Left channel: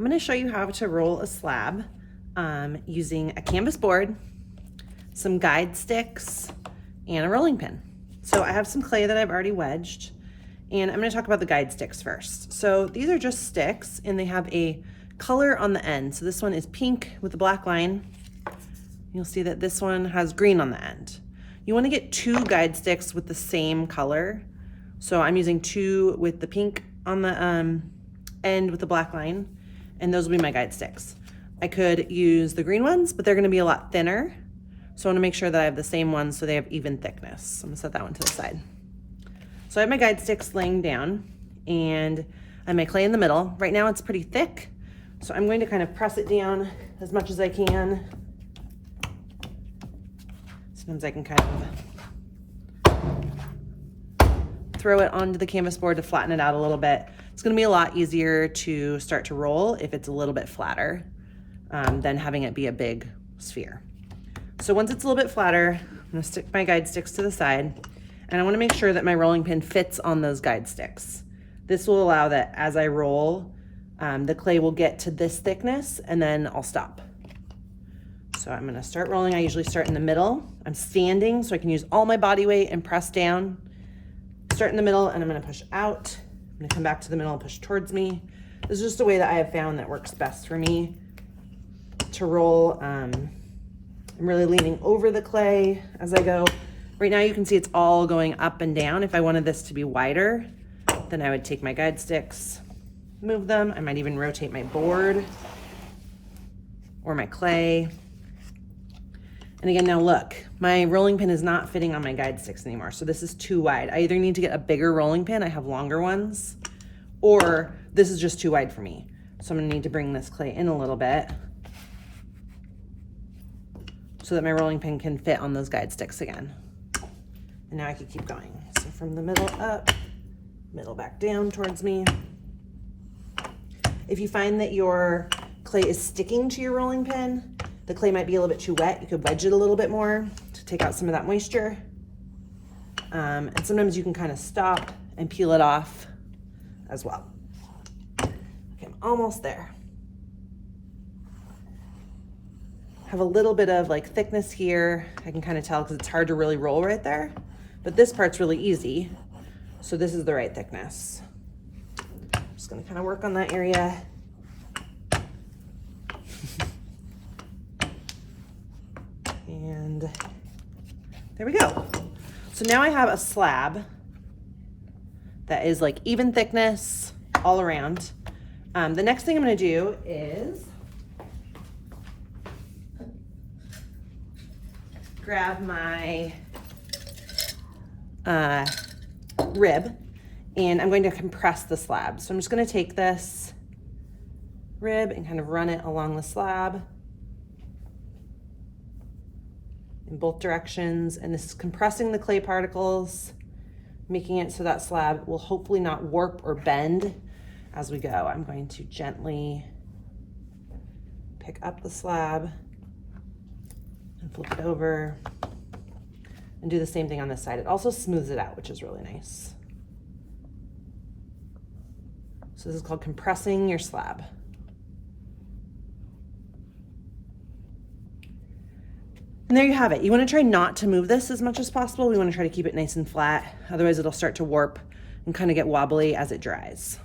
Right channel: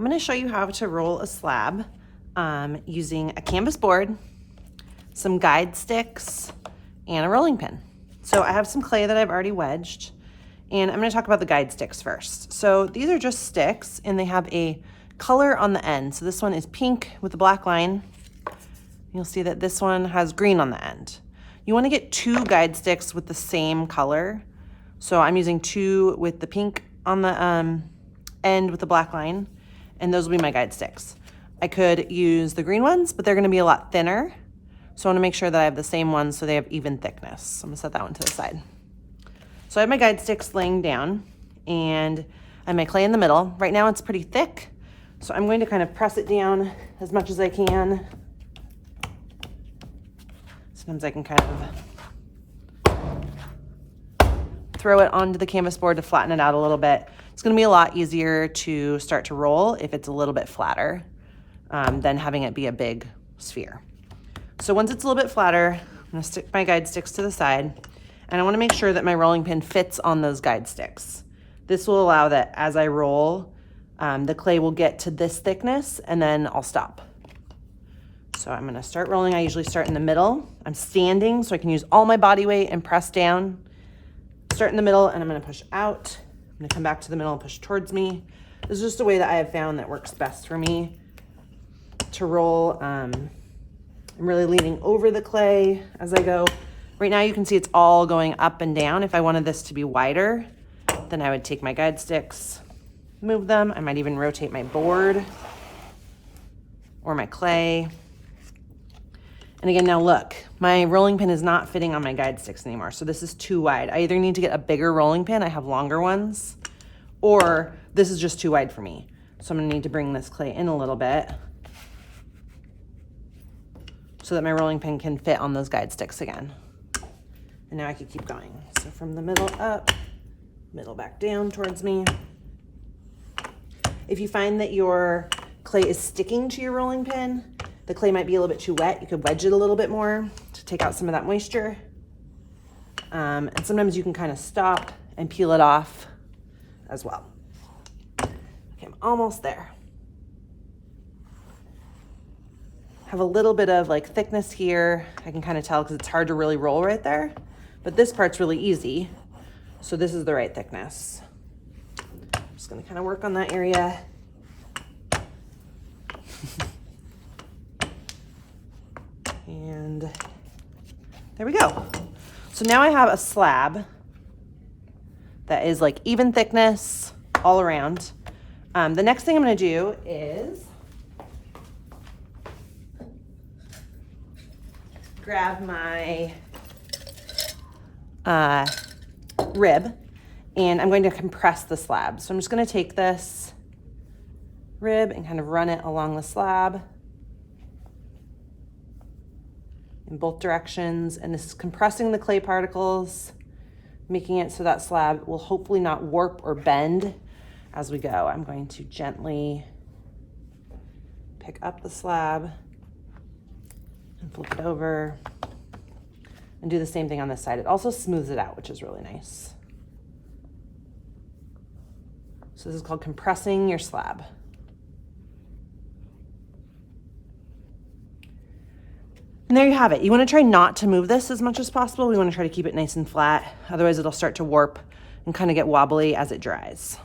I'm going to show you how to roll a slab using a canvas board, some guide sticks, and a rolling pin. So I have some clay that I've already wedged, and I'm going to talk about the guide sticks first. So these are just sticks, and they have a color on the end. So this one is pink with a black line. You'll see that this one has green on the end. You want to get 2 guide sticks with the same color. So I'm using 2 with the pink on the end with the black line, and those will be my guide sticks. I could use the green ones, but they're going to be a lot thinner. So I want to make sure that I have the same ones so they have even thickness. So I'm going to set that one to the side. So I have my guide sticks laying down, and I have my clay in the middle. Right now it's pretty thick, so I'm going to kind of press it down as much as I can. Sometimes I can kind of throw it onto the canvas board to flatten it out a little bit. It's going to be a lot easier to start to roll if it's a little bit flatter than having it be a big sphere. So once it's a little bit flatter, I'm going to stick my guide sticks to the side, and I want to make sure that my rolling pin fits on those guide sticks. This will allow that as I roll, the clay will get to this thickness, and then I'll stop. So I'm going to start rolling. I usually start in the middle. I'm standing so I can use all my body weight and press down. Start in the middle, and I'm going to push out. I'm going to come back to the middle and push towards me. This is just a way that I have found that works best for me to roll. I'm really leaning over the clay as I go. Right now you can see it's all going up and down. If I wanted this to be wider, then I would take my guide sticks, move them. I might even rotate my board or my clay. And again, now look, my rolling pin is not fitting on my guide sticks anymore. So this is too wide. I either need to get a bigger rolling pin, I have longer ones, or this is just too wide for me. So I'm gonna need to bring this clay in a little bit so that my rolling pin can fit on those guide sticks again. And now I can keep going. So from the middle up, middle back down towards me. If you find that your clay is sticking to your rolling pin, the clay might be a little bit too wet, you could wedge it a little bit more to take out some of that moisture. And sometimes you can kind of stop and peel it off as well. Okay, I'm almost there. Have a little bit of like thickness here. I can kind of tell because it's hard to really roll right there, but this part's really easy. So this is the right thickness. I'm just gonna kind of work on that area. And there we go. So now I have a slab that is like even thickness all around. The next thing I'm gonna do is grab my rib, and I'm going to compress the slab. So I'm just going to take this rib and kind of run it along the slab in both directions, and this is compressing the clay particles, making it so that slab will hopefully not warp or bend as we go. I'm going to gently pick up the slab and flip it over and do the same thing on this side. It also smooths it out, which is really nice. So this is called compressing your slab. And there you have it. You want to try not to move this as much as possible. We want to try to keep it nice and flat. Otherwise it'll start to warp and kind of get wobbly as it dries.